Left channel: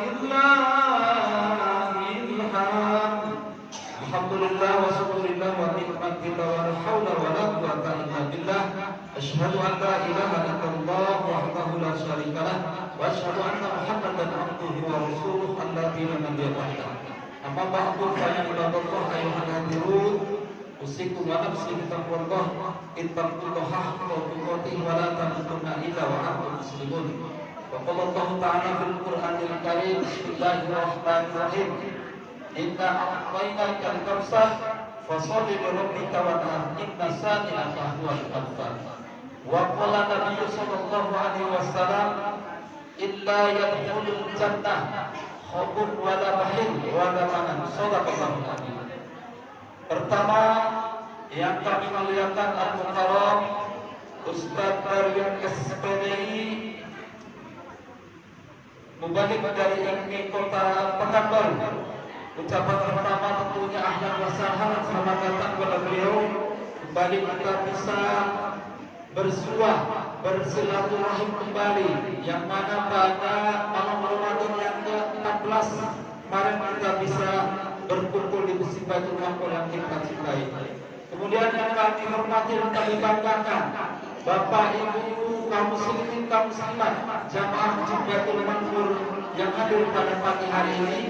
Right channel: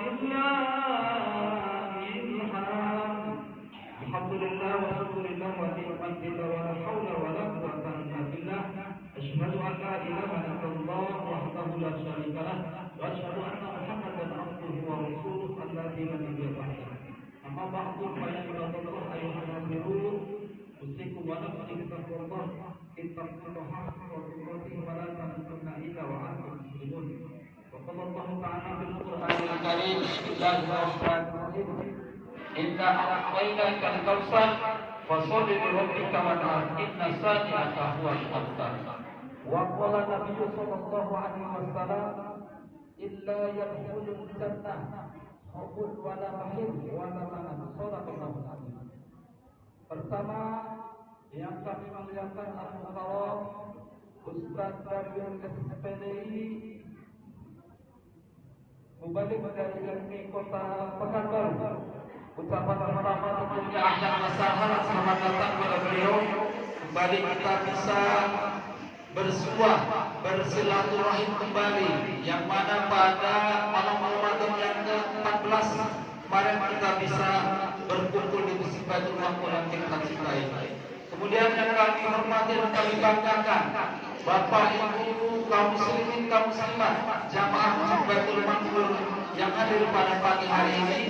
walillahil hamd. Alhamdulillah wa syukurillah wa ni'matillah wa la haula wa la quwwata illa billah. Asyhadu an la ilaha illallah wahdahu la syarika lah wa asyhadu anna Muhammadan abduhu wa rasuluh alladzi la nabiyya ba'dahu. Amma ba'du fa ya ibadallah ayyuhal hadirun, usikum wa nafsi bitaqwallah, ittaqullaha haqqa tuqatih wa la tamutunna illa wa antum muslimun. Wa qala Allah ta'ala fil Qur'anil Karim, bismillahirrahmanirrahim, inna a'tainaka al-kautsar fasholli li rabbika wanhar, inna shani'aka huwal abtar. Wa qala Nabi sallallahu alaihi wasallam, illa yadkhulul jannah khawfun wa la bahil wa la manan. Shadaqallahu alaihi. Pertama yang kami muliakan al-mukarram Ustaz Darwin SPDI, mubalik dari MI Kota Pekanbaru. Ucapan pertama tentunya ahlan wa sahlan, selamat datang kepada beliau. Kembali kita bisa bersuah, bersilaturahim kembali, yang mana pada malam Ramadan yang ke-14 kemarin kita bisa berkumpul di Masjid Baitul Maqmur yang kita cintai. Kemudian yang kami hormati dan kami banggakan, Bapak Ibu kaum muslimin kaum muslimat jamaah Masjid Baitul Maqmur yang hadir pada pagi hari ini,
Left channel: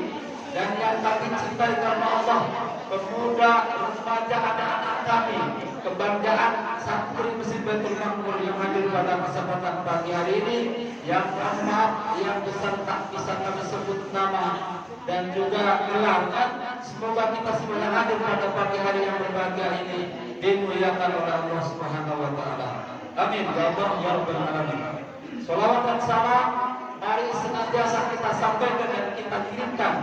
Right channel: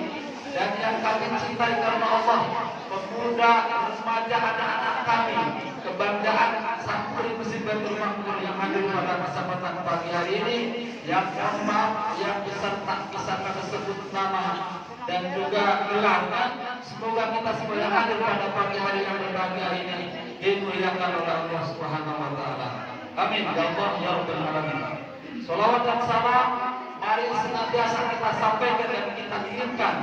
dan yang kami cintai karena Allah, pemuda, remaja, anak-anak kami, kebanggaan santri Masjid Baitul Maqmur yang hadir pada kesempatan pagi hari ini, yang maaf yang besar tak bisa kami sebut nama dan juga gelarnya. Semoga kita semua yang hadir pada pagi hari yang berbahagia ini dimuliakan oleh Allah Subhanahu wa taala. Amin ya Allah ya rabbal alamin. Shalawat dan salam mari senantiasa kita sampaikan dan kita kirimkan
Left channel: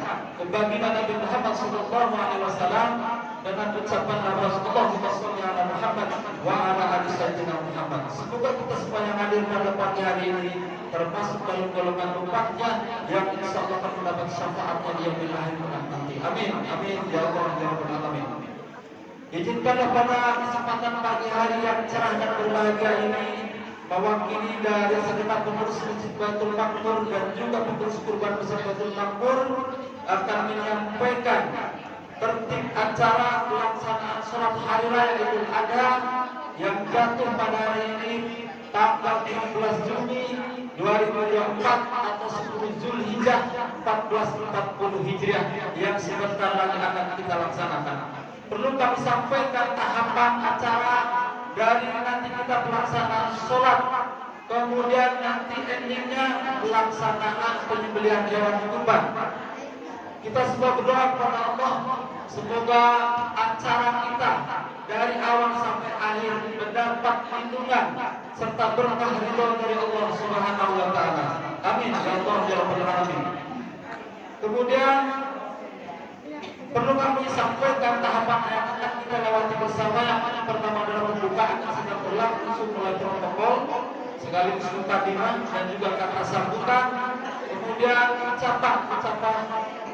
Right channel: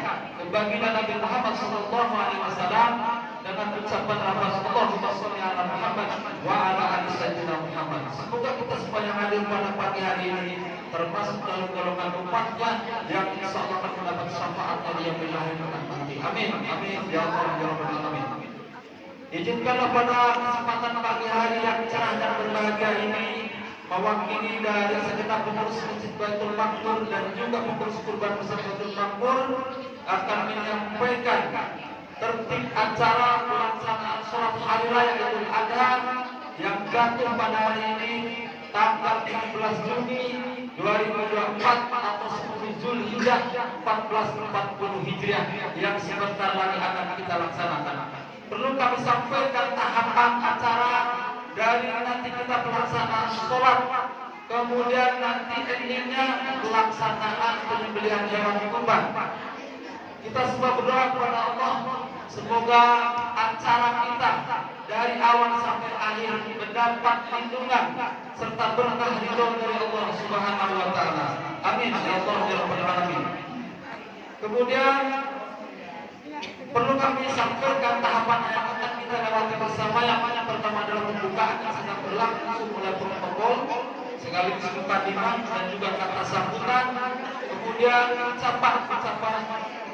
ke baginda Nabi Muhammad sallallahu alaihi wasallam dengan ucapan Allahumma shalli ala Muhammad wa ala ali sayyidina Muhammad. Semoga kita semua yang hadir pada pagi hari ini termasuk dalam golongan umatnya yang insyaallah akan mendapat syafaatnya di yaumil akhir nanti. Amin. Amin ya Allah ya rabbal alamin. Izinkanlah pada kesempatan pagi hari yang cerah dan berbahagia ini, mewakili dari segenap pengurus Masjid Baitul Maqmur dan juga pengurus kurban Masjid Baitul Maqmur akan menyampaikan tertib acara pelaksanaan sholat hari raya Idul Adha yang jatuh pada hari ini tanggal 16 Juni 2024 atau 10 Zulhijjah 1440 Hijriah yang sebentar lagi akan kita laksanakan. Perlu kami sampaikan tahapan acara dari nanti kita pelaksanaan sholat, kemudian nanti endingnya pelaksanaan penyembelihan hewan kurban. Kita semua berdoa kepada Allah, semoga acara kita dari awal sampai akhir mendapat lindungan serta berkah ridho dari Allah Subhanahu wa taala. Amin ya Allah ya rabbal alamin. Kemudian perlu kami sampaikan tahapan yang akan kita lewati bersama. Yang pertama adalah pembukaan yang sudah berlangsung mulai protokol sekaligus mukadimah dan juga kata sambutan, kemudian ucapan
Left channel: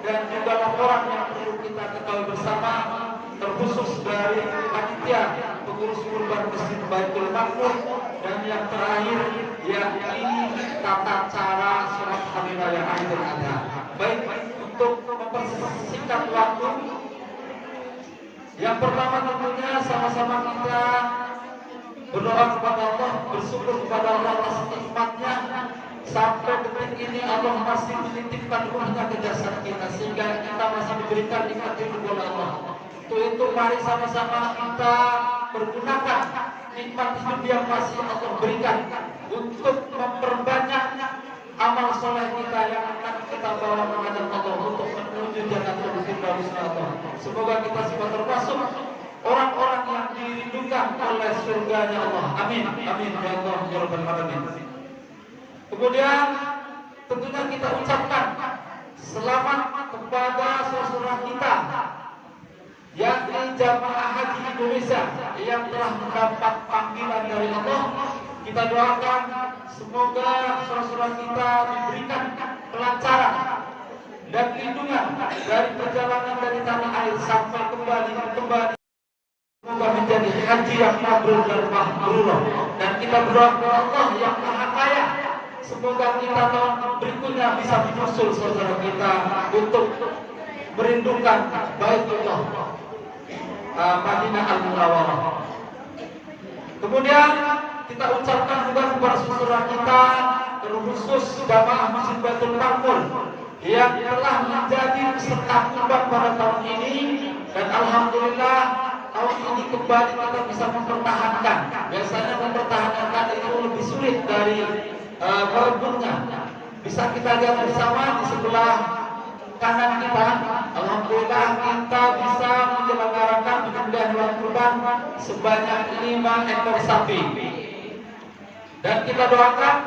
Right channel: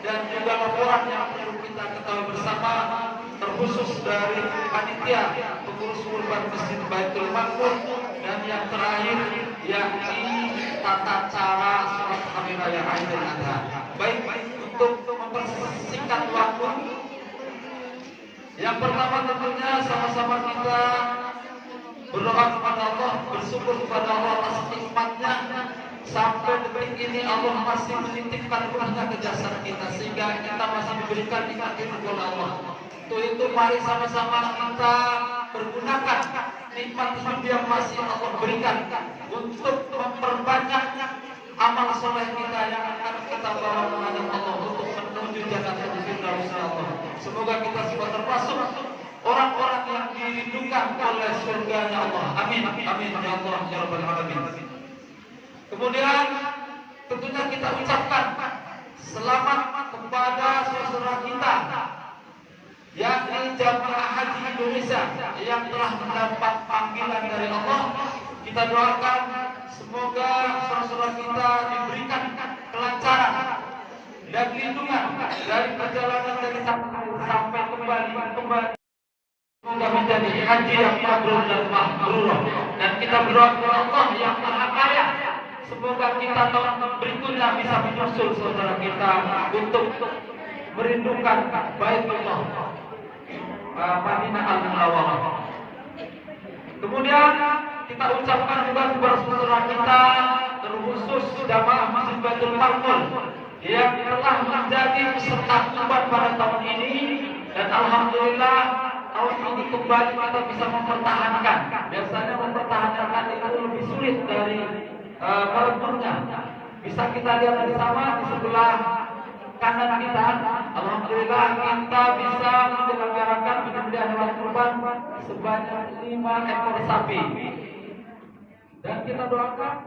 dan juga laporan yang perlu kita ketahui bersama, terkhusus dari panitia pengurus kurban Masjid Baitul Maqmur, dan yang terakhir yakni tata cara sholat hari raya Idul Adha. Baik, untuk mempersingkat waktu, yang pertama tentunya sama-sama kita berdoa kepada Allah, bersyukur kepada Allah atas nikmatnya. Sampai detik ini Allah masih menitipkan ruhnya ke jasad kita, sehingga kita masih diberikan nikmat itu oleh Allah. Untuk itu mari sama-sama kita pergunakan nikmat hidup yang masih Allah berikan untuk memperbanyak amal soleh kita yang akan kita bawa menghadap Allah untuk menuju jannatul firdaus Allah. Semoga kita semua termasuk orang-orang yang dirindukan oleh surganya Allah. Amin. Amin ya Allah ya rabbal alamin. Kemudian tentunya kita ucapkan selamat kepada saudara kita yakni jamaah haji Indonesia yang telah mendapat panggilan dari Allah. Kita doakan semoga saudara kita diberikan kelancaran dan lindungan dari perjalanan dari tanah air sampai kembali. Semoga menjadi haji yang mabrur dan makbul. Dan kita berdoa kepada Allah yang Maha Kaya semoga kita tahun berikutnya bisa menyusul saudara kita untuk merindukan Baitullah Madinah Al-Munawwarah. Kemudian kita ucapkan juga kepada saudara kita, terkhusus jamaah Masjid Baitul Ma'mur yang telah menjadi peserta kurban pada tahun ini, dan alhamdulillah tahun ini kembali kita bisa mempertahankan. Biasanya mempertahankan itu lebih sulit dari merebutnya. Bisa kita lihat bersama di sebelah kanan kita, alhamdulillah kita bisa menyelenggarakan penyembelihan hewan kurban sebanyak 5 ekor sapi. Dan kita doakan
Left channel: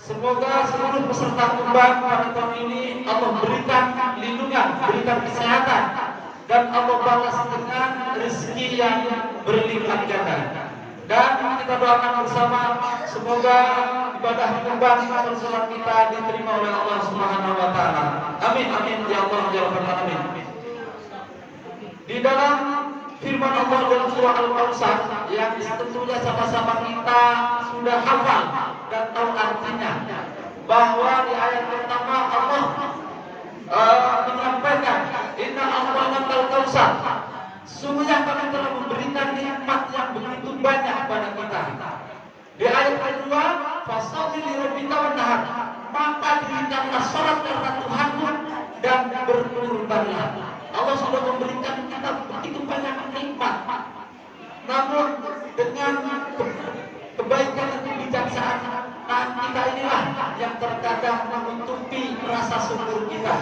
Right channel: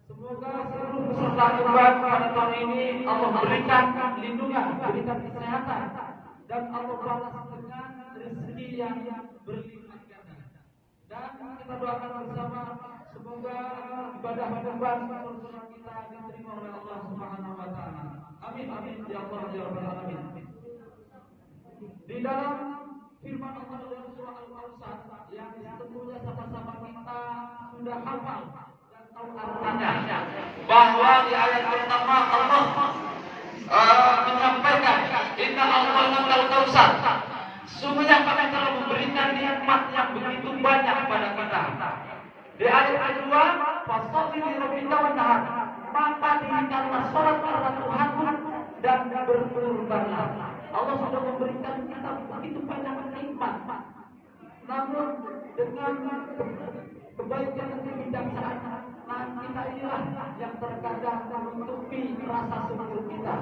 semoga seluruh peserta kurban pada tahun ini Allah berikan lindungan, berikan kesehatan, dan Allah balas dengan rezeki yang berlipat ganda. Dan kita doakan bersama semoga ibadah kurban salat kita diterima oleh Allah Subhanahu wa taala. Amin amin ya Allah ya rabbal alamin. Di dalam firman Allah dalam surah Al-Kautsar yang tentunya sama-sama kita sudah hafal dan tahu artinya, bahwa di ayat pertama Allah menyampaikan inna a'tainakal kautsar, sungguhnya kami telah memberikan nikmat yang begitu banyak pada kita. Di ayat kedua, fasholli li rabbika wanhar, maka dirikanlah salat karena Tuhanmu dan berkurbanlah. Allah sudah memberikan kita begitu banyak nikmat, namun dengan kebaikan dan kebijaksanaan kita inilah yang terkadang menutupi rasa syukur kita.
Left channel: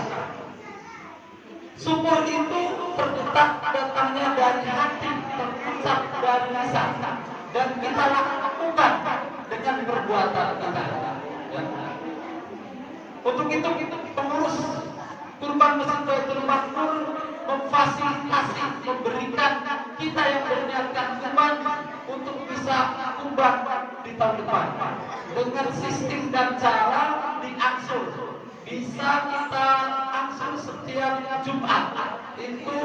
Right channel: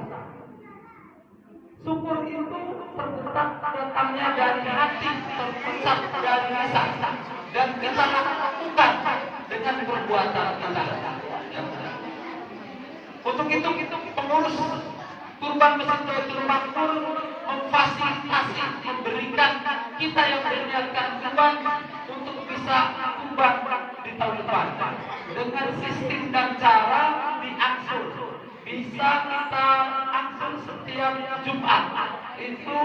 Syukur itu terletak datangnya dari hati, terpusat dari lisan, dan kita lakukan dengan perbuatan kita. Untuk itu pengurus kurban Masjid Baitul Ma'mur memfasilitasi, memberikan kita yang berniatkan kurban untuk bisa kurban di tahun depan dengan sistem dan cara diangsur. Bisa kita angsur setiap Jumat, itu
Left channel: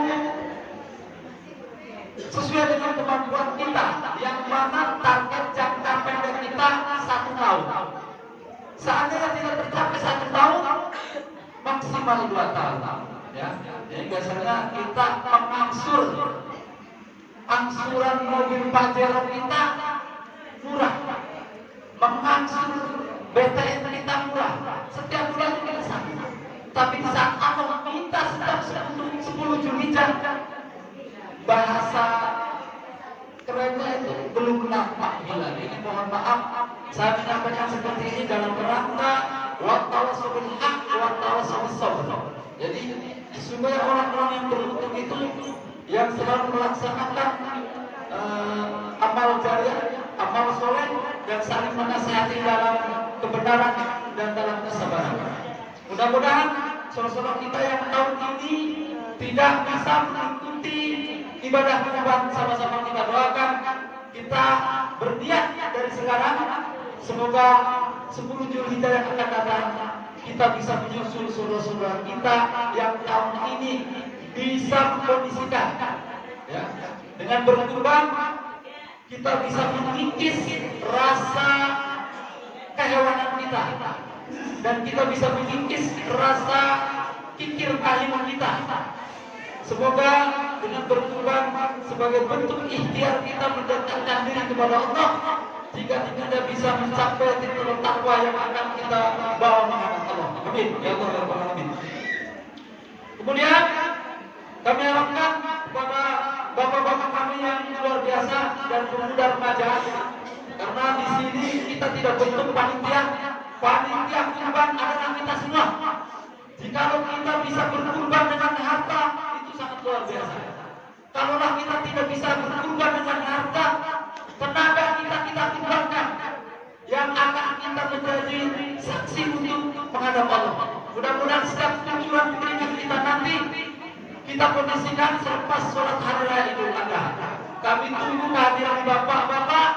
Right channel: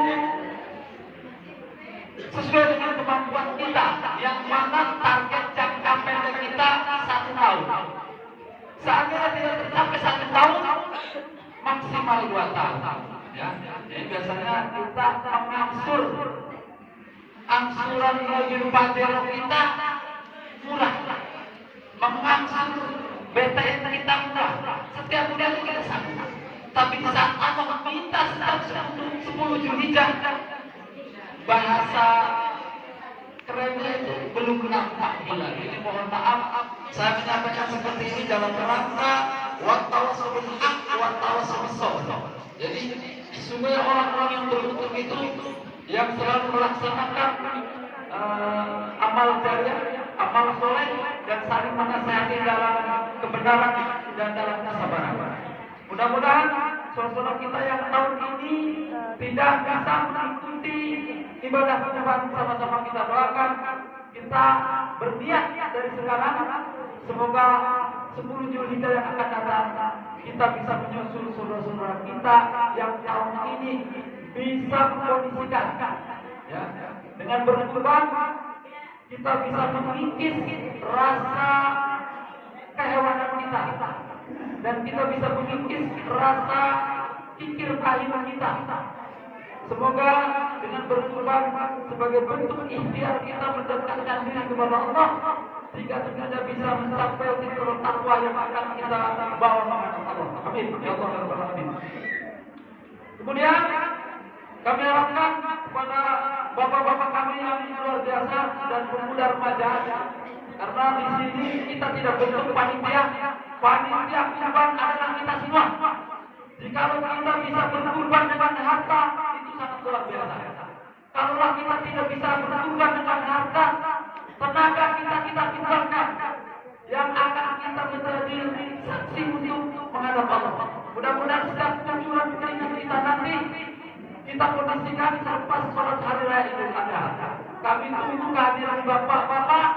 sesuai dengan kemampuan kita, yang mana target jangka pendek kita 1 tahun. Seandainya tidak tercapai 1 tahun, maksimal 2 tahun. Ya, jadi biasanya kita mengangsur, angsuran mobil Pajero kita murah, mengangsur BTN kita murah, setiap bulan kita sama. Tapi di saat Allah minta setiap 10 Zulhijjah, bahasa kerennya itu belum nampak bulan. Ini mohon maaf, saya menyampaikan seperti ini dalam rangka wattawassul bil haqq wattawassul bis sabr. Jadi sumber orang-orang yang beruntung itu yang selalu melaksanakan amal jariah, amal soleh, dan saling menasihati dalam kebenaran dan dalam kesabaran. Mudah-mudahan saudara-saudara kita yang tahun ini tidak bisa mengikuti ibadah kurban, sama-sama kita doakan, kita berniat dari sekarang, semoga 10 Zulhijjah yang akan datang kita bisa menyusul saudara-saudara kita yang tahun ini bisa mengkondisikan, ya, dengan berkurban kita bisa mengikis rasa kehewanan kita, dan kita bisa mengikis rasa kikir kain kita. Semoga dengan berkurban sebagai bentuk ikhtiar kita mendekatkan diri kepada Allah, jika tidak bisa mencapai titik takwa yang akan kita bawa menghadap Allah. Amin ya Allah ya Rabbal alamin. Kemudian kami harapkan kepada bapak-bapak kami yang luar biasa dan pemuda remaja, karena di sini kita tidak bentuk panitia kurban adalah kita semua. Jikalau kita bisa berkurban dengan harta, itu sangat luar biasa. Kalaulah kita tidak bisa berkurban dengan harta, tenaga kita kurbankan, yang akan kita menjadi saksi untuk menghadap Allah. Mudah-mudahan setiap tujuan keringat kita nanti kita kondisikan selepas sholat hari raya Idul Adha. Kami tunggu kehadiran bapak-bapak,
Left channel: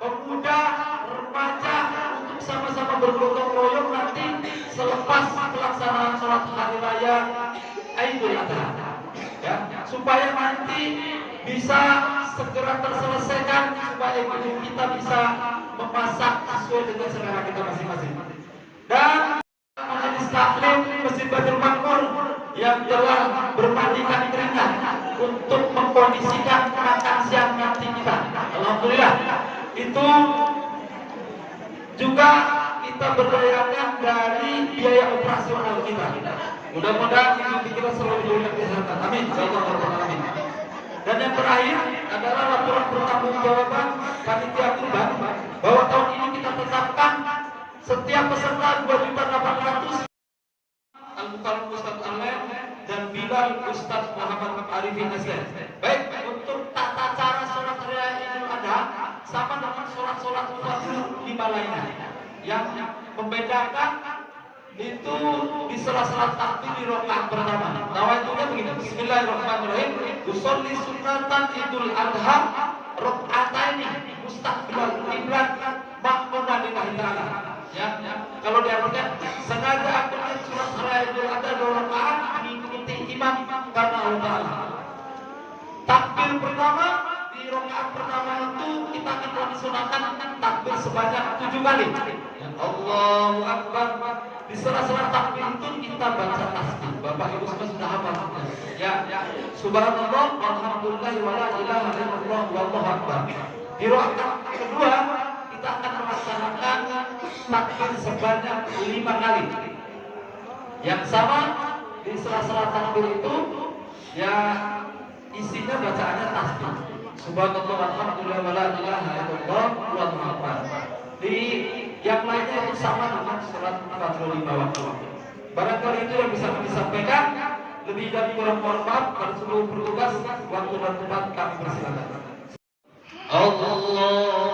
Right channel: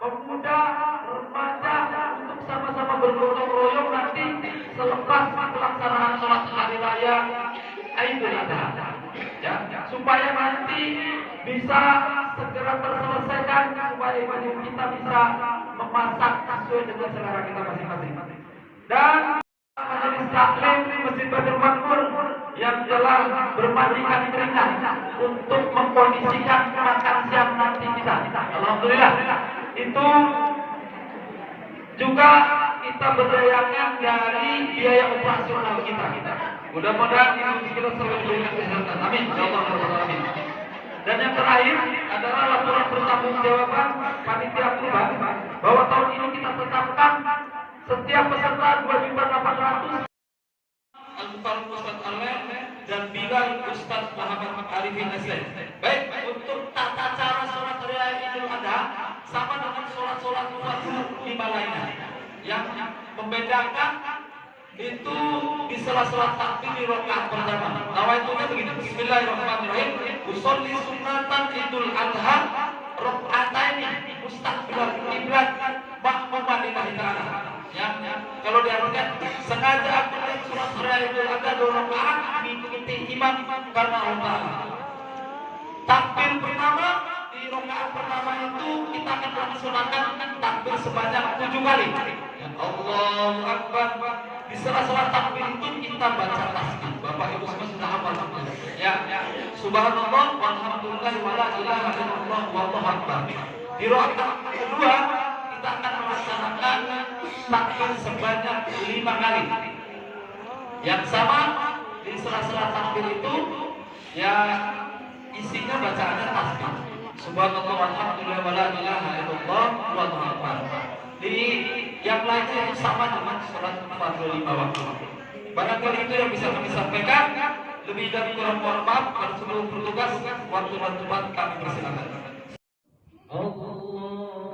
pemuda, remaja untuk sama-sama bergotong royong nanti selepas pelaksanaan sholat hari raya Idul Adha. Ya, supaya nanti bisa segera terselesaikan, supaya ibu kita bisa memasak sesuai dengan selera kita masing-masing. dan majelis taklim Masjid Baitul Makmur yang telah bermandikan keringat untuk mengkondisikan makan siang nanti kita. Alhamdulillah. Itu juga kita berdayakan dari biaya operasional kita. Mudah-mudahan ibu kita selalu diberikan kesehatan. Amin. Insyaallah. Amin. Dan yang terakhir adalah laporan pertanggungjawaban panitia kurban bahwa tahun ini kita tetapkan setiap peserta 2.800.000 Al-Mukarram Ustaz Alen dan Bilal Ustaz Muhammad Arifin Aslen. Baik, untuk tata cara sholat raya Idul Adha sama dengan sholat-sholat lima lainnya. Yang membedakan itu di sela-sela takbir di rakaat pertama. Nawaitunya begini. Bismillahirrahmanirrahim. Usolli sunatan Idul Adha rakaataini mustaqbilal qiblat ma'muman lillahi ta'ala. Ya, kalau diartikan sengaja aku sholat raya Idul Adha 2 rakaat mengikuti imam karena Allah Ta'ala. Takbir pertama di rakaat pertama itu kita akan melaksanakan takbir sebanyak 7 kali. Allahu Akbar. Di sela-sela takbir itu kita baca tasbih. Bapak Ibu semua sudah hafal. Ya, subhanallah walhamdulillah wala ilaha illallah wallahu akbar. Di rakaat kedua kita akan melaksanakan takbir sebanyak 5 kali. Yang sama di sela-sela takbir itu ya isinya bacaannya tasbih. Subhanallah walhamdulillah wala ilaha illallah wallahu akbar. Di yang lainnya itu sama dengan surat 45 waktu. Barangkali itu yang bisa kami sampaikan. Lebih dari kurang mohon maaf. Kalau seluruh bertugas waktu dan tempat kami persilakan. Allah.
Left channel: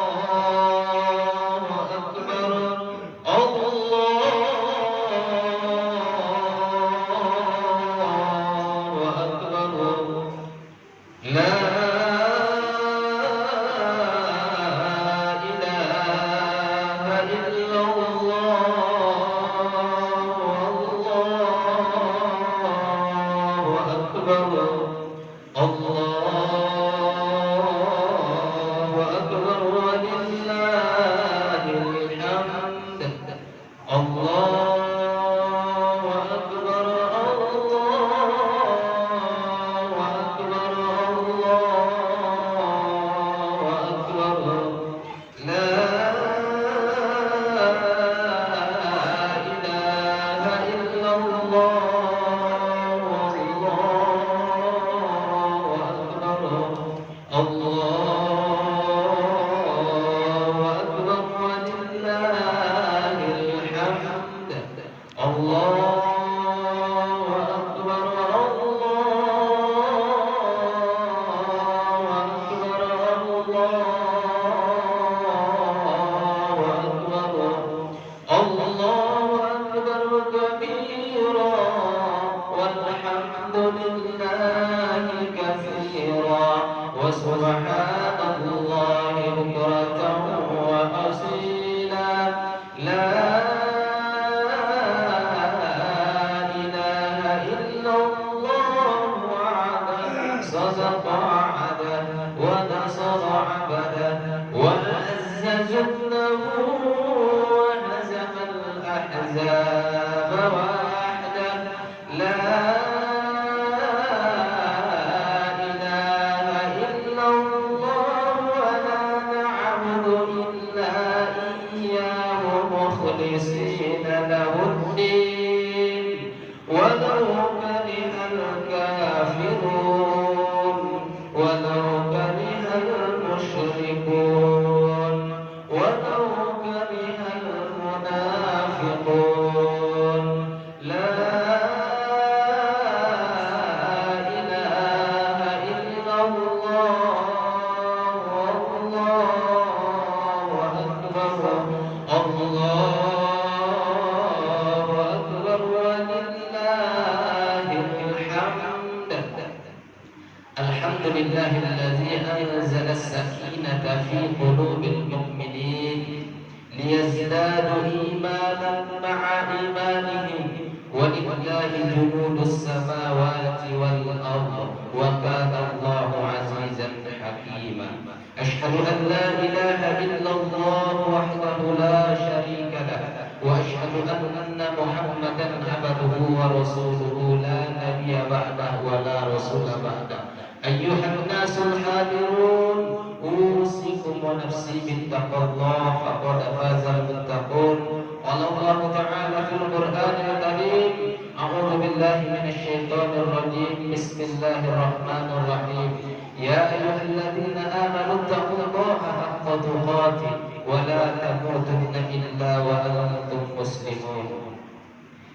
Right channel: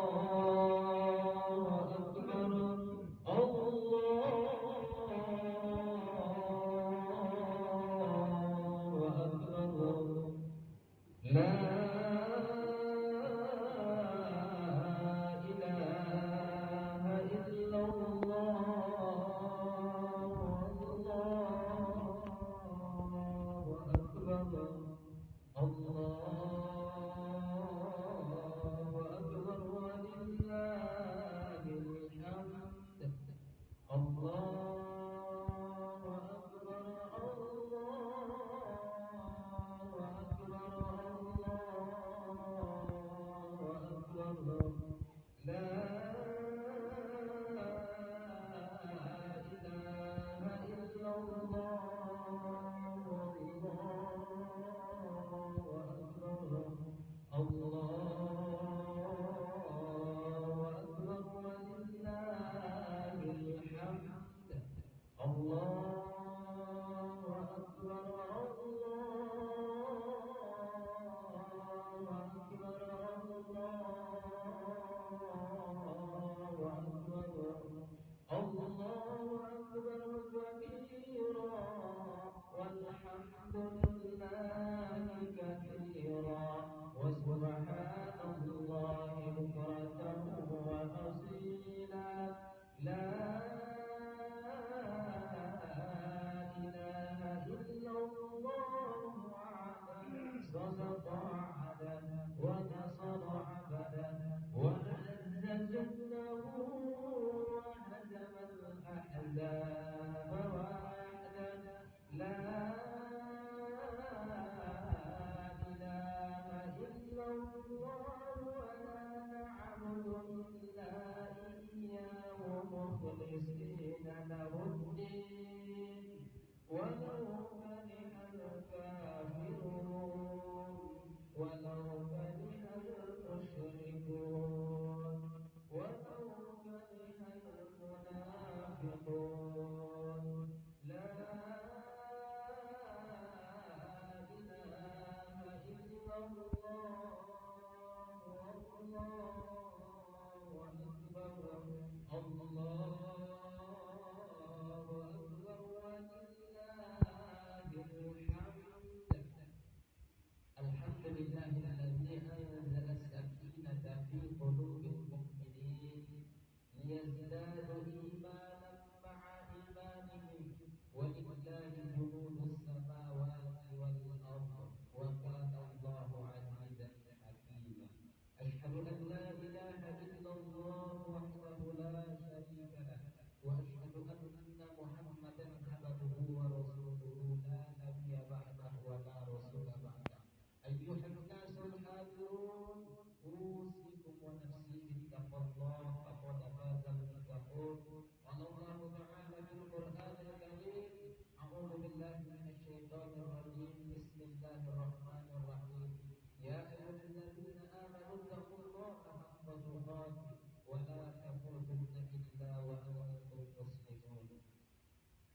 billahi minasyaitonir rajim. Bismillahirrahmanirrahim. Ya ayyuhalladzina amanu taqullaha haqqa tuqatih wa la tamutunna illa wa antum muslimun.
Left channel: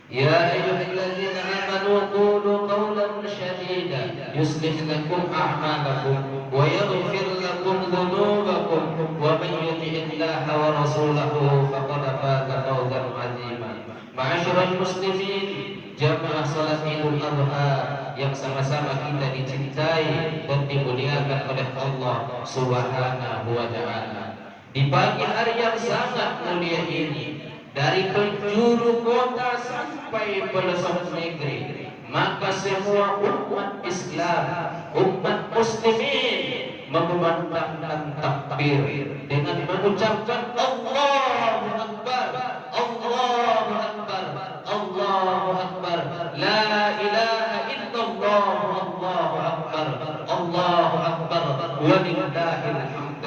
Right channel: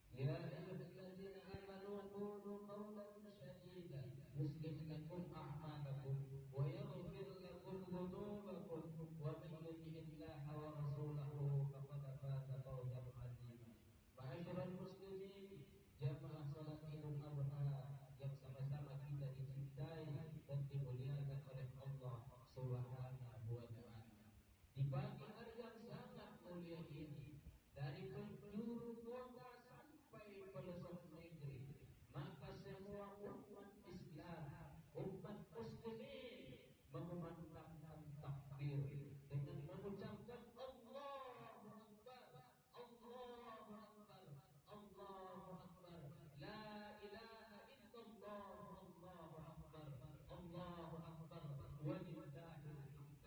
يا أيها الذين آمنوا قولوا قولا سديدا يصلح لكم أعمالكم ويغفر لكم ذنوبكم ومن يطع الله ورسوله فقد فاز فوزا عظيما. معاشر المسلمين, jamaah salat Idul Adha yang sama-sama kita dicintai dan dimuliakan oleh Allah Subhanahu wa taala. Di pagi hari yang sangat mulia ini, dari penjuru kota sampai pelosok negeri, maka semua umat Islam, umat muslimin memandangkan takbir dengan mengucapkan Allahu Akbar, Allahu Akbar, Allahu Akbar, la ilaha illallah, Allahu Akbar, Allahu Akbar, walillahil hamd.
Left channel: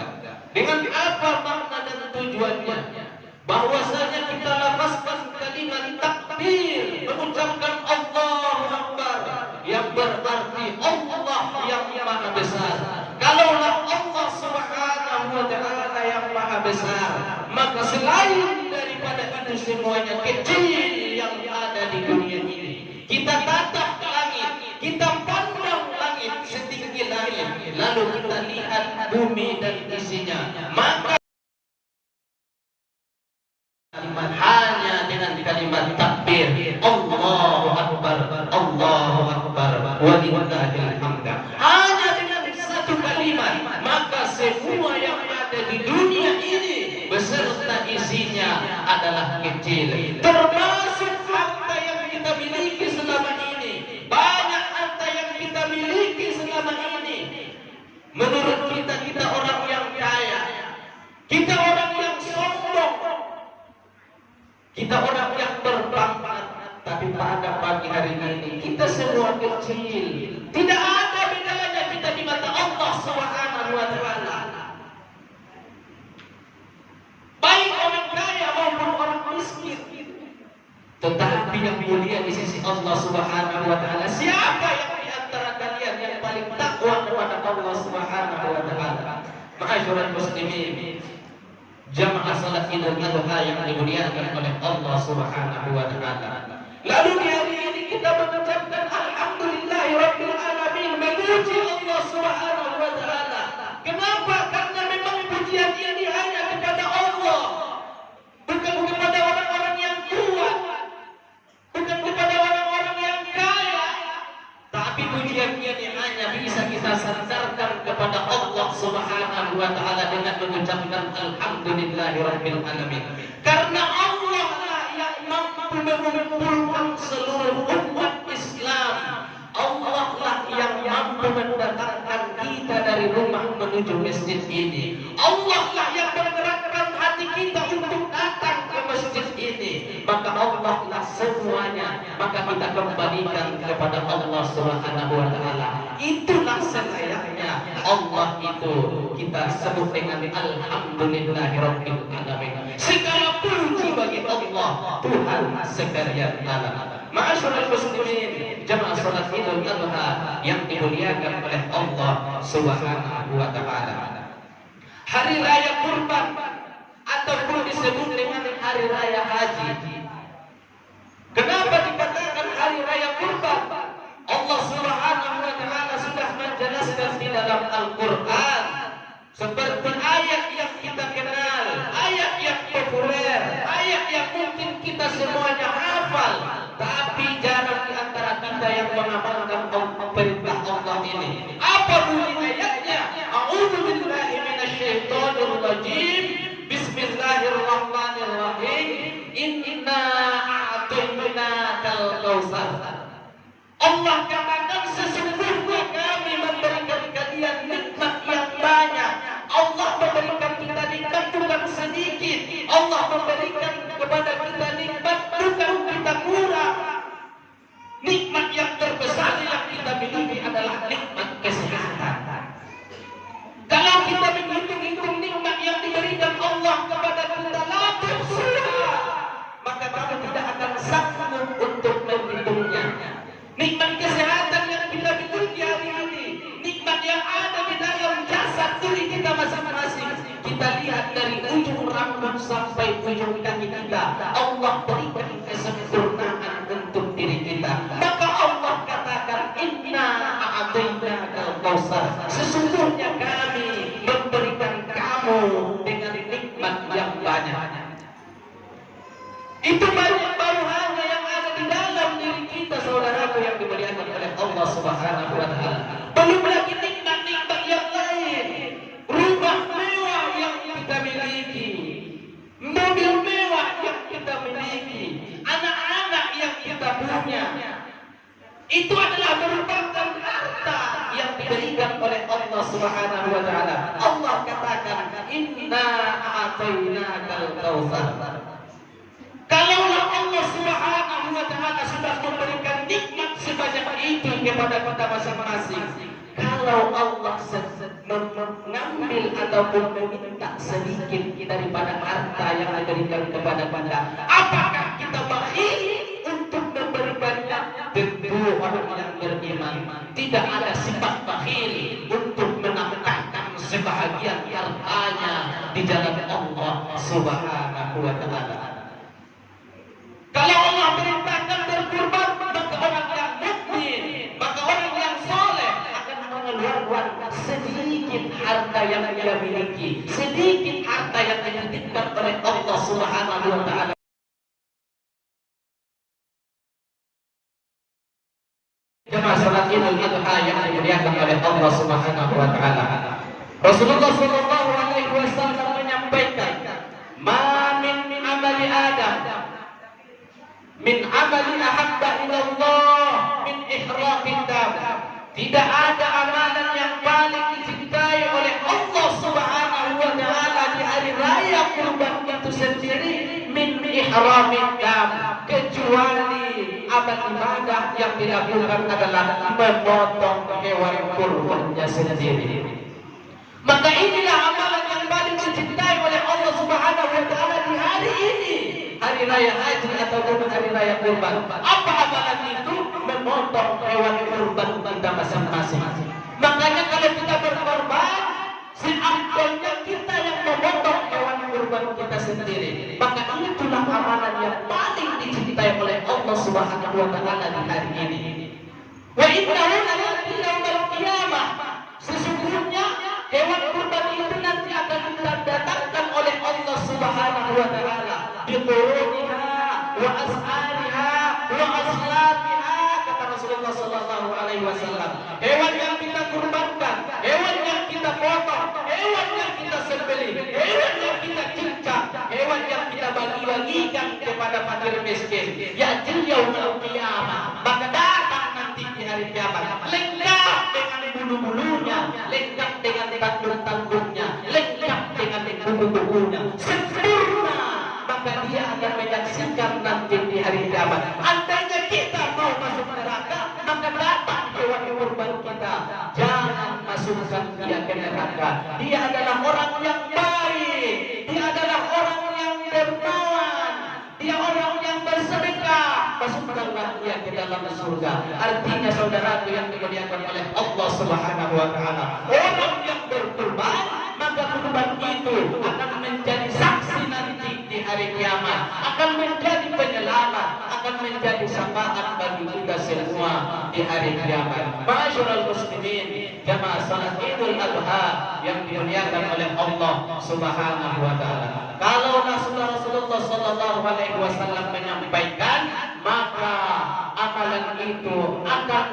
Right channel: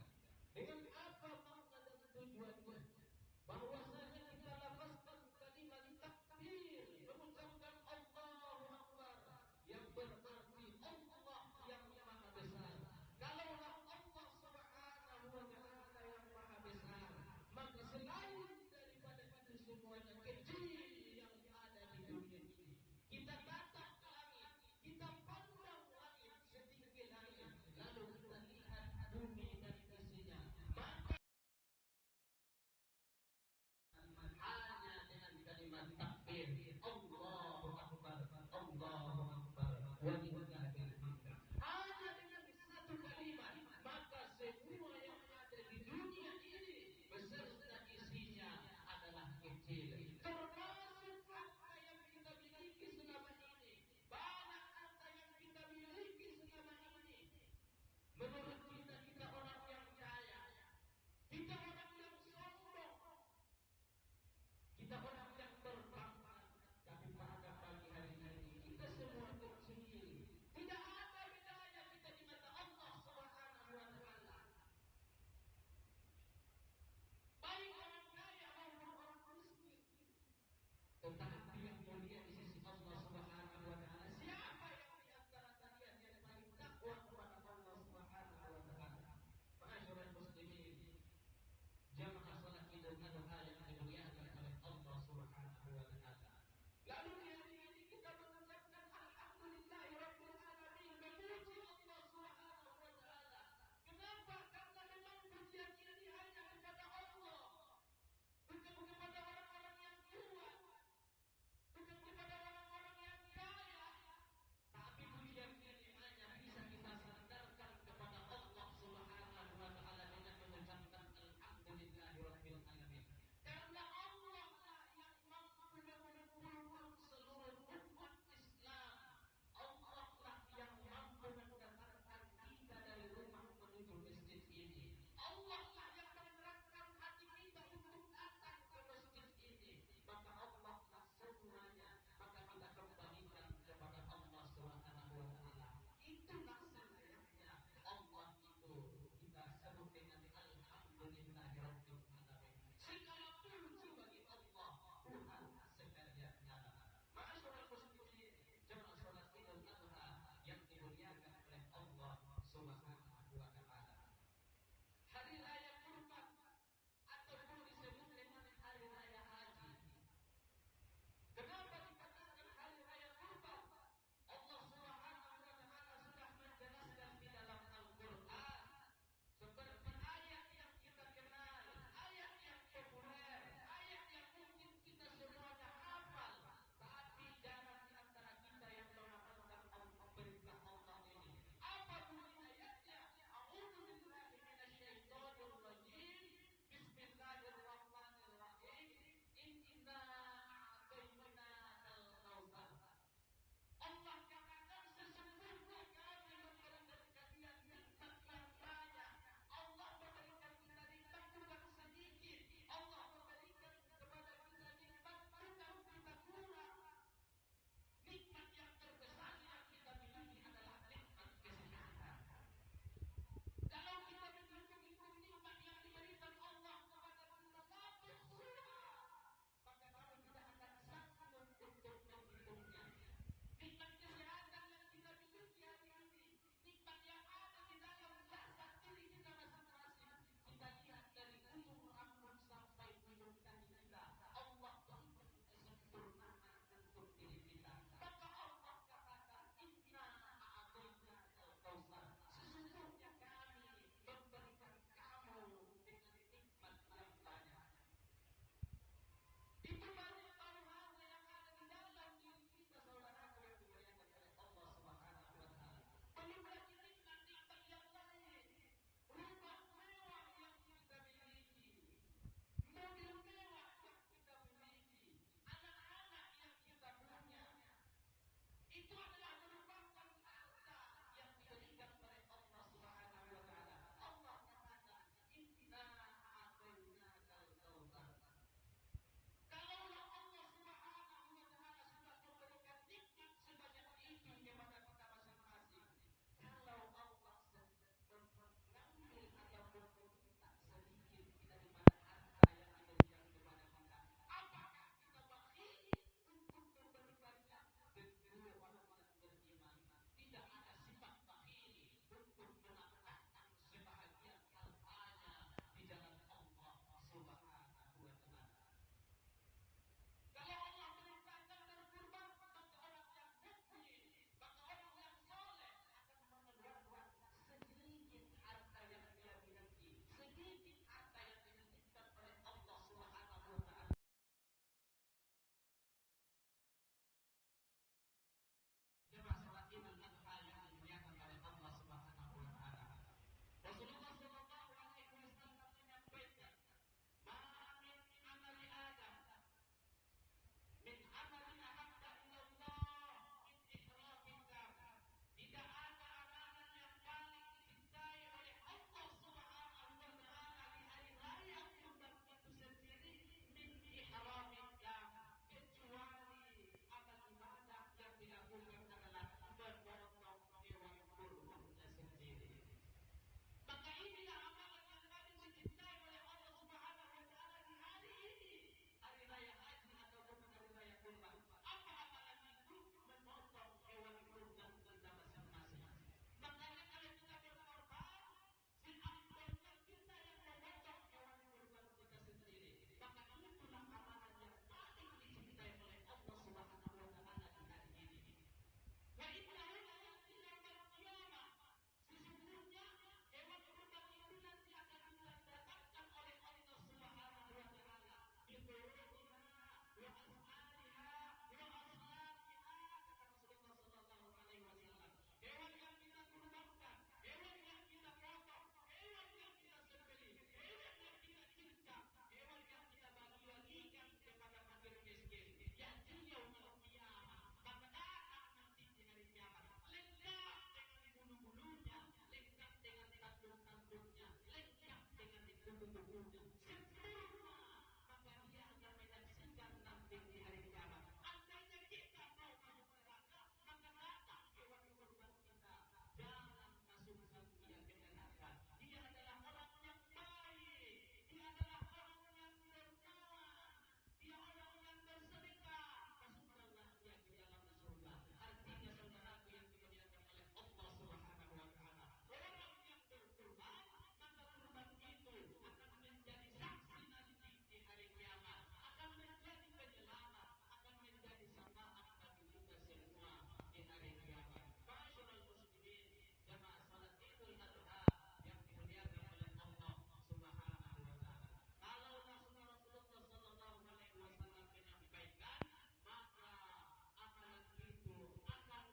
Dengan apa makna dan tujuannya? Bahwasanya kita lafazkan kalimat takbir, mengucapkan Allahu Akbar, yang berarti Allah yang Maha Besar. Kalaulah Allah Subhanahu wa taala yang Maha Besar, maka selain daripada itu semuanya kecil yang ada di dunia ini, kita tatap ke langit, kita pandang langit setinggi langit, lalu kita lihat bumi dan isinya, maka hanya dengan kalimat takbir Allahu Akbar, Allahu Akbar, walillahil hamd, hanya dengan satu kalimat, maka semua yang ada di dunia ini beserta isinya adalah kecil, termasuk harta yang kita miliki selama ini. Banyak harta yang kita miliki selama ini, menurut kita, kita orang yang kaya, kita orang yang sombong, kita orang yang berpangkat, tapi pada pagi hari ini kita semua kecil. Tidak ada bedanya kita di mata Allah Subhanahu wa taala. Baik orang kaya maupun orang miskin. Tetapi yang mulia di sisi Allah Subhanahu wa taala, siapa yang di antara kalian yang paling takwa kepada Allah Subhanahu wa taala? Ma'asyiral muslimin, jamaah salat Idul Adha yang dimuliakan oleh Allah Subhanahu wa taala. Lalu di hari ini kita mengucapkan alhamdulillahirabbil alamin, memuji Allah Subhanahu wa taala. Kenapa? Karena memang pujian ini hanya kepada Allah, bukan kepada orang-orang yang kuat, bukan kepada orang-orang yang kaya, tapi pujian ini hanya bisa kita sandarkan kepada Allah Subhanahu wa taala dengan mengucapkan alhamdulillahirabbil alamin. Karena Allah lah yang mampu mengumpulkan seluruh umat Islam. Allah lah yang mampu mendatangkan kita dari rumah menuju masjid ini. Allah lah yang menggerakkan hati kita untuk datang ke masjid ini. Maka Allah lah semuanya. Maka kita kembalikan kepada Allah Subhanahu wa taala. Itulah selayaknya Allah itu kita sebut dengan alhamdulillahirabbil alamin. Segala puji bagi Allah, Tuhan sekalian alam. Ma'asyiral muslimin, jamaah salat Idul Adha yang dimuliakan oleh Allah Subhanahu wa taala. Hari raya Kurban ataupun disebut dengan hari raya haji. Kenapa dikatakan hari raya Kurban? Allah Subhanahu wa taala sudah menjelaskan di dalam Al-Qur'an seperti ayat yang kita kenal, ayat yang populer, ayat yang mungkin kita semuanya hafal, tapi jarang di antara kita yang mengamalkan perintah Allah ini. Apa bunyi ayatnya? A'udzubillahi minasyaitonir rajim. Bismillahirrahmanirrahim. Inna a'tainakal kautsar. Allah katakan sesungguhnya kami memberikan kalian nikmat yang banyak. Allah memberikan kita nikmat bukan sedikit. Allah memberikan kepada kita nikmat bukan kita kurang. Nikmat yang terbesar yang kita miliki adalah nikmat kesehatan. Kalau kita menghitung-hitung nikmat yang diberikan Allah kepada kita, maka kamu tidak akan sanggup untuk menghitungnya. Al-Kautsar. Sesungguhnya kami memberikan kamu dengan nikmat yang banyak. Itu baru hanya yang ada di dalam diri kita, saudaraku yang dimuliakan oleh Allah Subhanahu wa taala. Belum lagi nikmat-nikmat yang lain. Rumah mewah yang kita miliki, mobil mewah yang kita miliki, anak-anak yang kita punya. Itu adalah merupakan harta yang diberikan oleh Allah Subhanahu wa taala. Allah katakan, "Inna a'tainakal kautsar." Kalaulah Allah Subhanahu wa taala sudah memberikan nikmat sebanyak itu kepada kita masing-masing, kalau Allah mengambil ataupun meminta sedikit daripada harta yang diberikan kepada kita, apakah kita bakhil untuk memberikannya? Tentu orang yang beriman tidak ada sifat bakhil untuk menafkahkan sebahagian hartanya di jalan Allah Subhanahu wa taala. Kalau Allah perintahkan berkurban, maka orang yang mukmin, maka orang yang soleh akan mengeluarkan sedikit harta yang dia miliki, sedikit harta yang dititipkan oleh Allah Subhanahu wa taala. Jemaah salat Idul Adha yang dimuliakan oleh Allah Subhanahu wa taala. Rasulullah sallallahu alaihi wasallam menyampaikan, "Ma min amali Adam min amali ahabba ilallah min ihraqid dam." Tidak ada amalan yang paling dicintai oleh Allah Subhanahu wa taala di hari raya kurban itu sendiri min ihraqid dam, kecuali amal ibadah yang dilakukan adalah memotong hewan kurbannya sendiri. Maka inilah amalan yang paling dicintai oleh Allah Subhanahu wa taala di hari ini, hari raya haji ataupun hari raya kurban. Apa amalan itu? Memotong hewan kurban kita masing-masing. Makanya kalau kita berkorban, seampunnya kita yang memotong hewan kurban kita sendiri. Maka itulah amalan yang paling dicintai oleh Allah Subhanahu wa taala di hari ini. Wa innahu la'ati yaumil qiyamah. Sesungguhnya hewan kurban itu nanti akan didatangkan oleh Allah Subhanahu wa taala bi quruniha wa as'ariha wa aslafiha, kata Rasulullah sallallahu alaihi wasallam. Hewan yang kita kurbankan, hewan yang kita potong, hewan yang kita sembelih, hewan yang kita cincang, hewan yang kita bagi-bagikan kepada fakir miskin, ya'til yaumil qiyamah, maka datang nanti di hari kiamat lengkap dengan bulu-bulunya, lengkap dengan tanduk-tanduknya, lengkap dengan buku-bukunya, sempurna. Maka dia akan menyaksikan nanti di hari kiamat. Andainya kita mau masuk neraka, maka datang hewan kurban kita, jangan masukkan dia ke neraka. Dia adalah orang yang baik, dia adalah orang yang dermawan, dia orang yang bersedekah, masukkanlah dia ke dalam surga. Artinya saudaraku yang dimuliakan oleh Allah Subhanahu wa taala, orang yang berkurban, maka kurban itu akan menjadi saksi nanti di hari kiamat, akan menjadi penyelamat, akan menjadi syafaat bagi kita semua di hari kiamat. Ma'asyiral muslimin, jamaah salat Idul Adha yang dimuliakan oleh Allah Subhanahu wa taala. Kalau Rasulullah sallallahu alaihi wasallam menyampaikan, maka amalan itu akan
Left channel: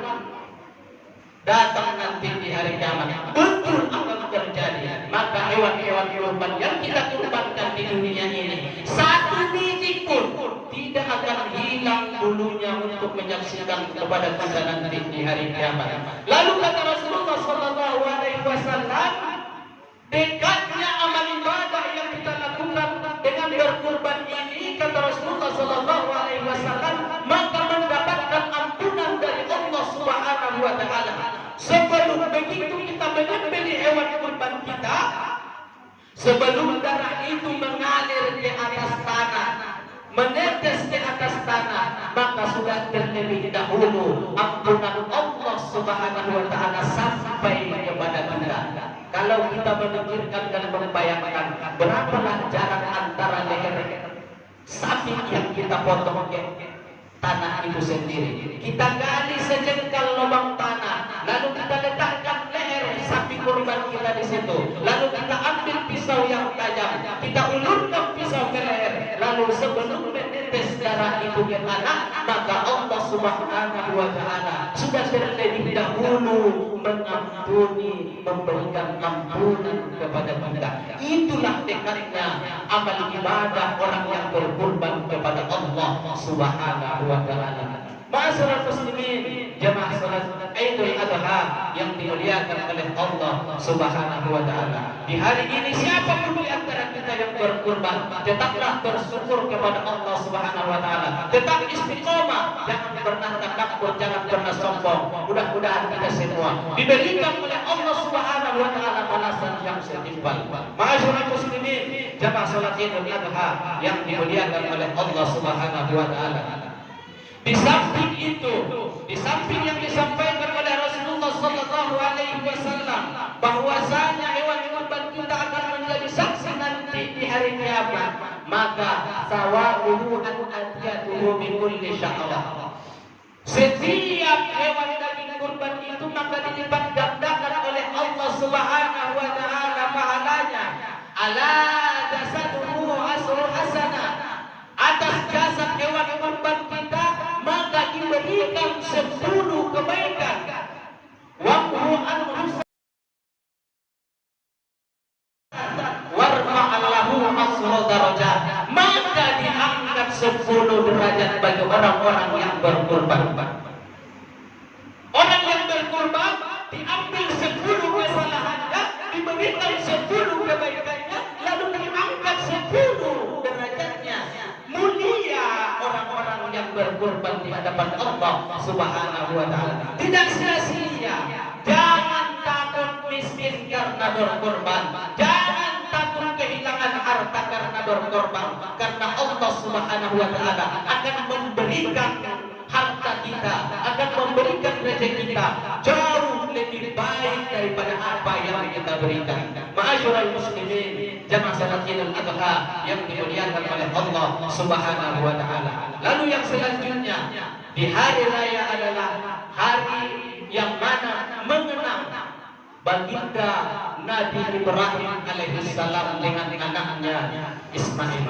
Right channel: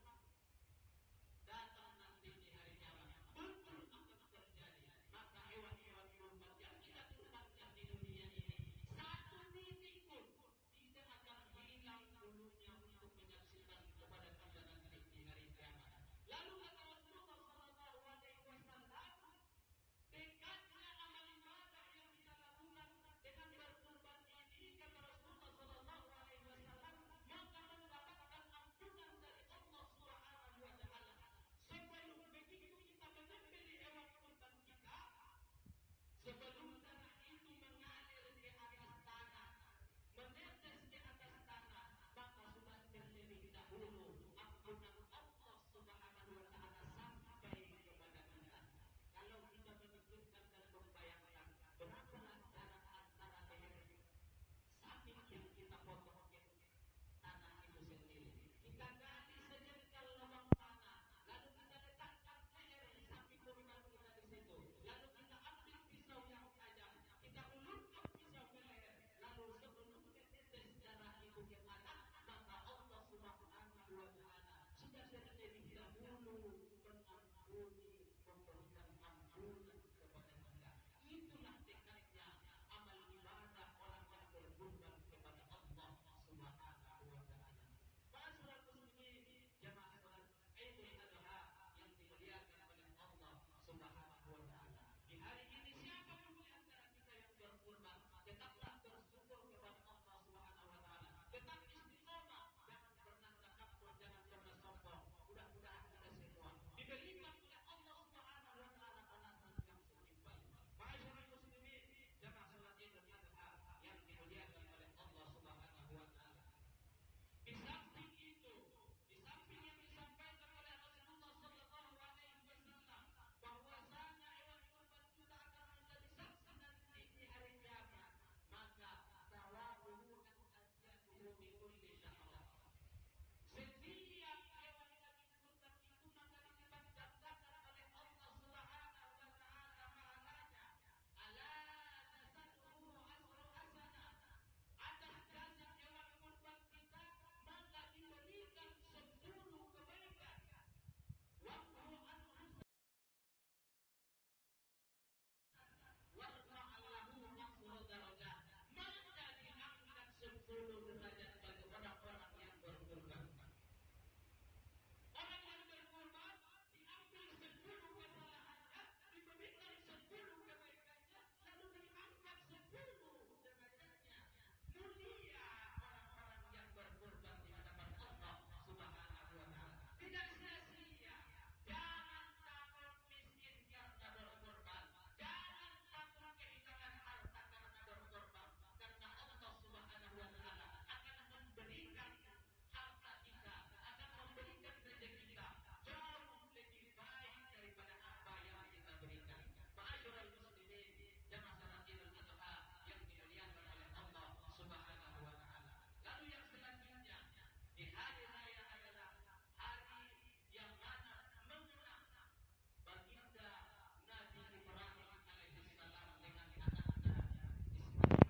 datang nanti di hari kiamat. Betul akan terjadi. Maka hewan-hewan kurban yang kita kurbankan di dunia ini, satu biji pun tidak akan hilang bulunya untuk menyaksikan kepada kita nanti di hari kiamat. Lalu kata Rasulullah sallallahu alaihi wasallam, dekatnya amal ibadah yang kita lakukan dengan berkurban ini, kata Rasulullah sallallahu alaihi wasallam, maka mendapatkan ampunan dari Allah Subhanahu wa taala. Sebelum begitu kita menyembelih hewan kurban kita, sebelum darah itu mengalir ke atas tanah, menetes ke atas tanah, maka sudah terlebih dahulu ampunan Allah Subhanahu wa taala sampai kepada kita. Kalau kita memikirkan dan membayangkan berapalah jarak antara leher sapi yang kita potong ke tanah itu sendiri, kita gali sejengkal lubang tanah, lalu kita letakkan leher situ. Lalu kita ambil pisau yang tajam, kita ulurkan pisau ke leher. Lalu sebelum menetes darah itu ke tanah, maka Allah Subhanahu wa Ta'ala sudah terlebih dahulu mengampuni, memberikan ampunan kepada kita. Itulah dekatnya amal ibadah orang yang berkorban kepada Allah Subhanahu wa Ta'ala. Ma'asyiral muslimin, jamaah salat Idul Adha yang dimuliakan oleh Allah Subhanahu wa Ta'ala. Di hari ini siapapun di antara kita yang berkurban, tetaplah bersyukur kepada Allah Subhanahu wa Ta'ala. Tetap istiqomah, jangan pernah takabur, jangan pernah sombong. Mudah-mudahan kita semua diberikan oleh Allah Subhanahu wa Ta'ala balasan yang setimpal. Ma'asyiral muslimin, jamaah salat Idul Adha yang dimuliakan oleh Allah Subhanahu wa Ta'ala. Di samping itu, di samping yang disampaikan oleh Rasulullah Sallallahu Alaihi Wasallam bahwasanya hewan kurban kita akan menjadi saksi nanti di hari kiamat, maka sawabuhu an adiyatuhu min kulli sya'rah. Setiap hewan daging kurban itu maka dilipat gandakan oleh Allah Subhanahu wa Ta'ala pahalanya. Ala jasaduhu asru hasanah. Atas jasad hewan kurban kita maka diberikan 10 kebaikan. Wamhu an-nusa warfa'allahu asra darajat. Maka diangkat 10 derajat bagi orang-orang yang berkurban. Orang yang berkurban diambil 10 kesalahannya, diberikan 10 kebaikannya, lalu diangkat 10 derajatnya. Mulia orang-orang yang berkorban di hadapan Allah Subhanahu wa Ta'ala. Tidak sia-sia. Jangan takut miskin karena berkorban. Jangan takut kehilangan harta karena berkorban. Karena Allah Subhanahu wa Ta'ala akan memberikan harta kita, akan memberikan rezeki kita jauh lebih baik daripada apa yang kita berikan. Ma'asyiral muslimin, jamaah salat Idul Adha yang dimuliakan oleh Allah Subhanahu wa Ta'ala. Lalu yang selanjutnya, di hari raya adalah hari yang mana mengenang baginda Nabi Ibrahim alaihissalam dengan anaknya Ismail.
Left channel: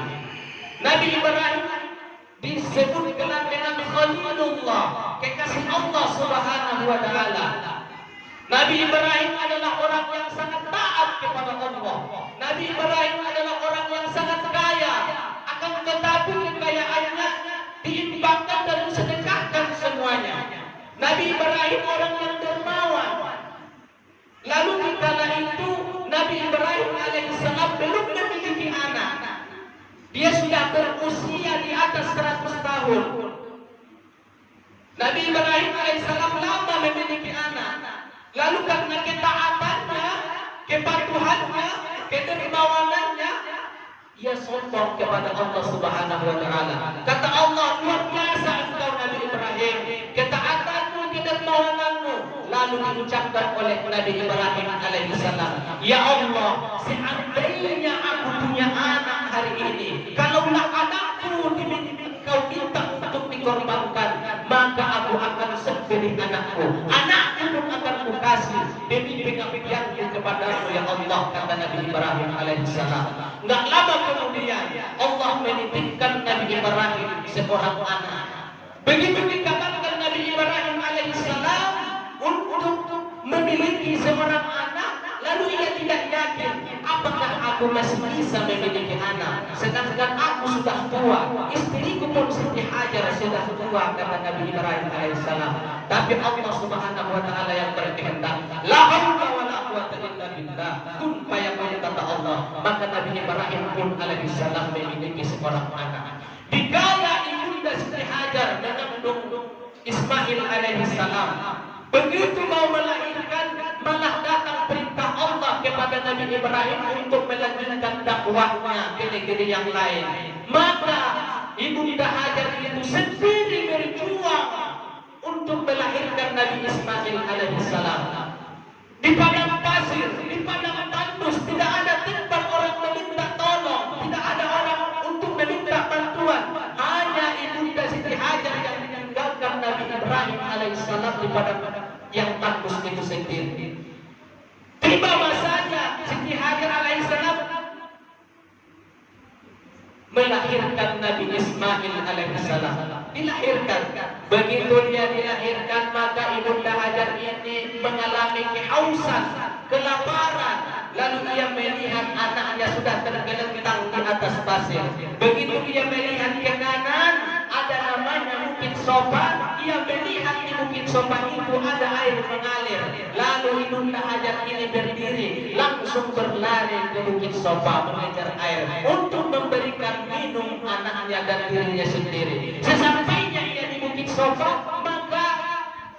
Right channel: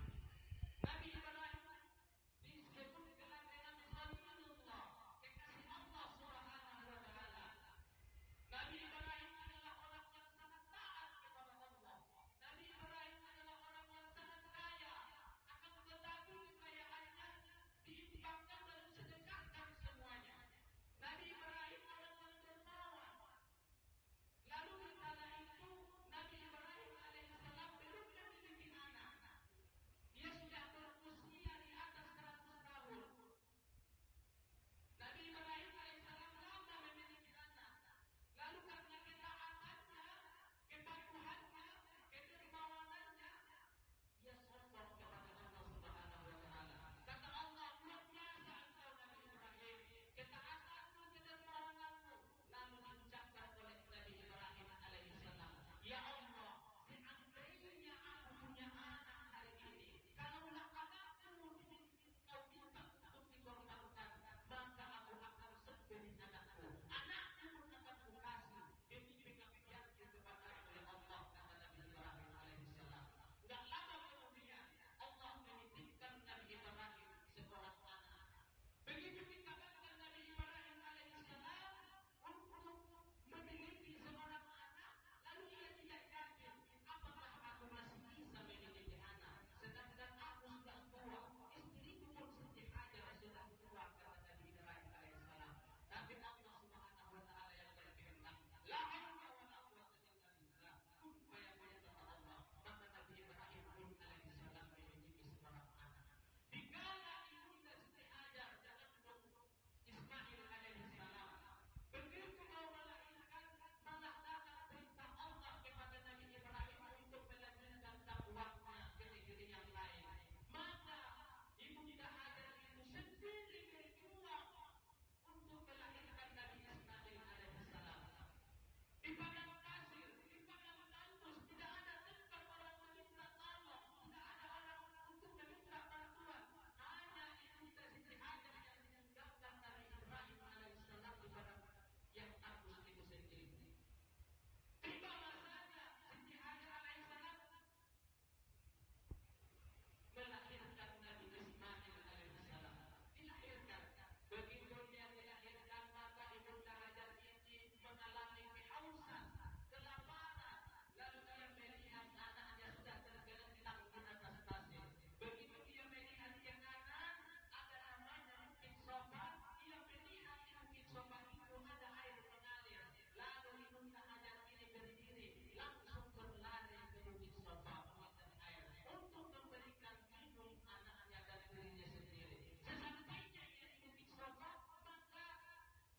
Nabi Ibrahim disebutkan dengan Khalilullah, kekasih Allah Subhanahu wa Ta'ala. Nabi Ibrahim adalah orang yang sangat taat kepada Allah. Nabi Ibrahim adalah orang yang sangat kaya, akan tetapi kekayaannya diimbangkan dan disedekahkan semuanya. Nabi Ibrahim orang yang dermawan. Lalu di kala itu Nabi Ibrahim alaihissalam belum memiliki anak. Dia sudah berusia di atas 100 tahun. Nabi Ibrahim alaihissalam lama memiliki anak. Lalu karena ketaatannya, kepatuhannya, kedermawanannya, ia sombong kepada Allah Subhanahu wa Ta'ala. Kata Allah, luar biasa engkau Nabi Ibrahim, ketaatanmu, kedermawananmu. Lalu diucapkan oleh Nabi Ibrahim alaihissalam, ya Allah, seandainya aku punya anak hari ini, kalaulah anakku kau minta untuk dikorbankan, maka aku akan sembelih anakku. Anakku pun akan kukasih demi pengabdianku kepadamu ya Allah, kata Nabi Ibrahim alaihissalam. Enggak lama kemudian Allah menitipkan Nabi Ibrahim seorang anak. Begitu dikatakan Nabi Ibrahim alaihissalam untuk memiliki seorang anak, lalu ia tidak yakin, apakah aku masih bisa memiliki anak, sedangkan aku sudah tua, istriku pun Siti Hajar sudah tua, kata Nabi Ibrahim alaihissalam. Tapi Allah Subhanahu wa Ta'ala yang berkehendak, la haula wala quwwata illa billah, kun fayakun, kata Allah. Maka Nabi Ibrahim pun alaihissalam memiliki seorang anak. Dikala ibunda Siti Hajar mengandung Ismail alaihissalam, begitu mau melahirkan, malah datang perintah Allah kepada Nabi Ibrahim untuk melanjutkan dakwahnya ke negeri yang lain. Maka ibunda Hajar itu sendiri berjuang untuk melahirkan Nabi Ismail alaihissalam. Di padang pasir, di padang tandus, tidak ada tempat orang meminta tolong, tidak ada orang untuk meminta bantuan. Hanya ibunda Siti Hajar yang meninggalkan Nabi Ibrahim alaihissalam di padang yang tandus itu sendiri. Tiba masanya Siti Hajar alaihissalam melahirkan Nabi Ismail alaihissalam. Dilahirkan. Begitu dia dilahirkan, maka Ibunda Hajar ini mengalami kehausan, kelaparan. Lalu ia melihat anaknya sudah tergeletak di atas pasir. Begitu dia melihat ke kanan, ada namanya Bukit Sofa. Ia melihat di Bukit Sofa itu ada air mengalir. Lalu Ibunda Hajar ini berdiri, langsung berlari ke Bukit Sofa mengejar air untuk memberikan minum anaknya dan dirinya sendiri. Sesampainya ia di Bukit Sofa, maka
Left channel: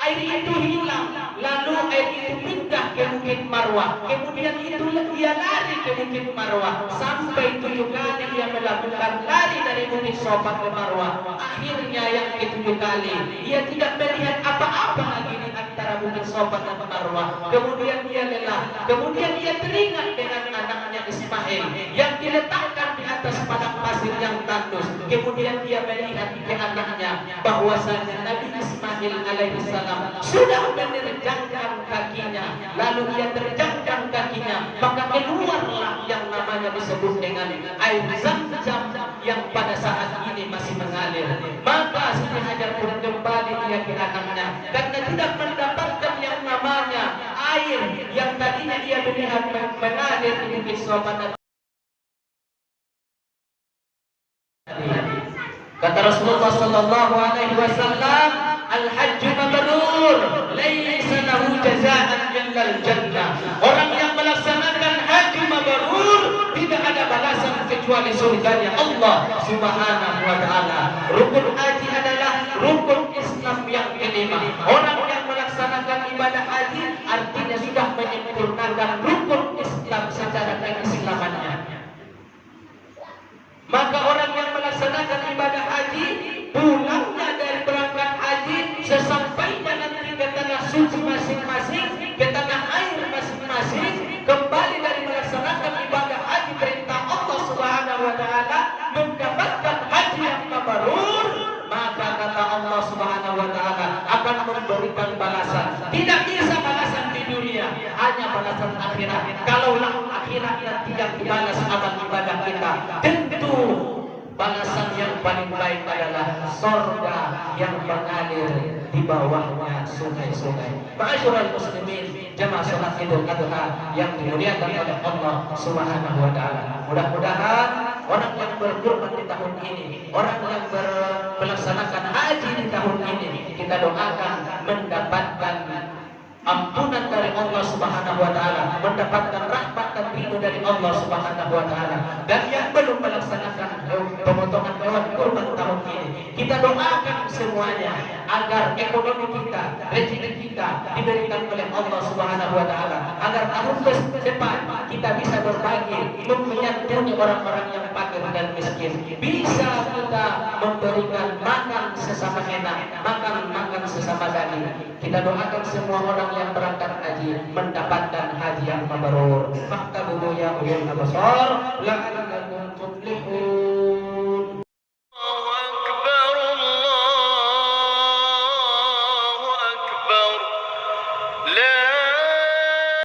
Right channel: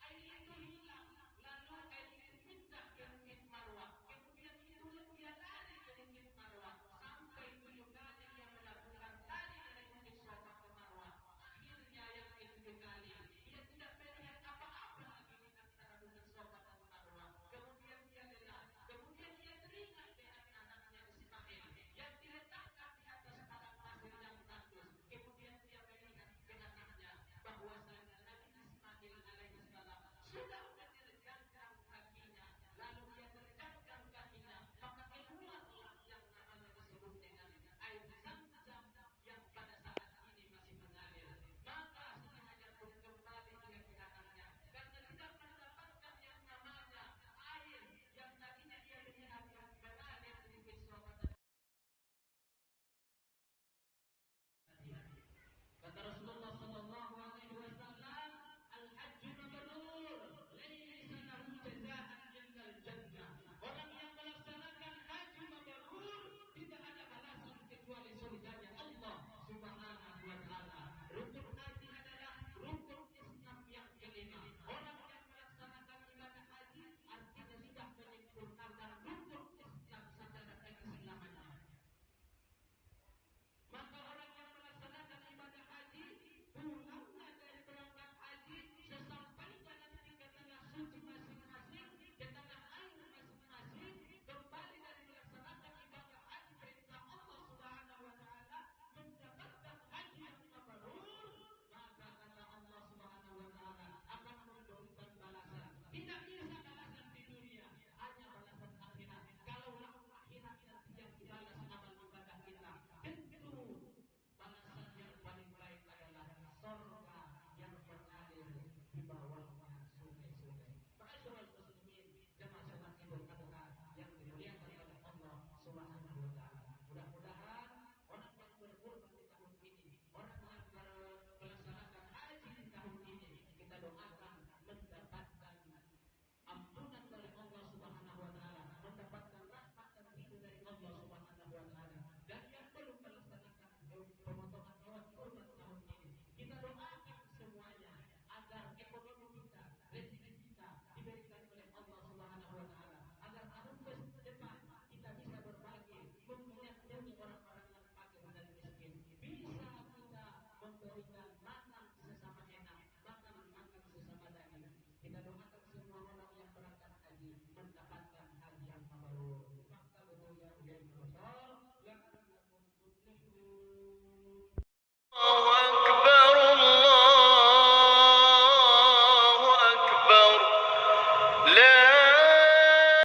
air itu hilang. Lalu air itu pindah ke Bukit Marwah. Kemudian itu dia lari ke Bukit Marwah. Sampai 7 kali dia melakukan lari dari Bukit Sofa ke Marwah. Akhirnya yang ke-7 kali dia tidak melihat apa-apa lagi di antara Bukit Sofa dan Marwah. Kemudian dia lelah. Kemudian dia teringat dengan anaknya Ismail yang diletakkan di atas padang pasir yang tandus. Kemudian dia melihat ke anaknya bahwasanya Nabi Ismail alaihissalam sudah menerjangkan kakinya. Lalu dia terjangkan kakinya, maka keluarlah yang namanya disebut dengan air Zam-Zam yang pada saat ini masih mengalir. Maka Siti Hajar pun kembali dia ke anaknya karena tidak mendapatkan yang namanya air yang tadinya dia melihat mengalir di Bukit Sofa. Kata Rasulullah sallallahu alaihi wasallam, al-hajju mabrur, laisa lahu jazaa'an illa al-jannah. Orang yang melaksanakan haji mabrur tidak ada balasan kecuali surganya Allah Subhanahu wa taala. Rukun haji adalah rukun Islam yang kelima. Orang yang melaksanakan ibadah haji artinya sudah menyempurnakan rukun Islam secara keislamannya. Maka orang yang melaksanakan ibadah haji, pulangnya dari berangkat haji, sesampainya nanti ke tanah suci masing-masing, ke tanah air masing-masing, kembali dari melaksanakan ibadah haji perintah Allah Subhanahu wa taala, mendapatkan haji yang mabrur, maka kata Allah Subhanahu wa taala akan memberikan balasan. Tidak bisa balasan di dunia, hanya balasan akhirat. Kalaulah akhirat tidak dibalas amal ibadah kita, tentu balasan yang paling baik adalah surga yang mengalir di bawahnya sungai-sungai. Ma'asyiral muslimin, jamaah salat Idul Adha yang dimuliakan oleh Allah Subhanahu wa taala. Mudah-mudahan orang yang berkurban di tahun ini, orang yang melaksanakan haji di tahun ini, kita doakan mendapatkan ampunan dari Allah Subhanahu wa taala, mendapatkan rahmat dan ridho dari Allah Subhanahu wa taala. Dan yang belum melaksanakan pemotongan hewan kurban tahun ini, kita doakan semuanya agar ekonomi kita, rezeki kita diberikan oleh Allah Subhanahu wa taala, agar tahun depan kita bisa berbagi, menyantuni orang-orang yang fakir dan miskin. Bisa kita memberikan makan sesama enak, makan sesama daging. Kita doakan semua orang yang berangkat haji mendapatkan haji yang mabrur. Faktabuhu ya ulil absar la'allakum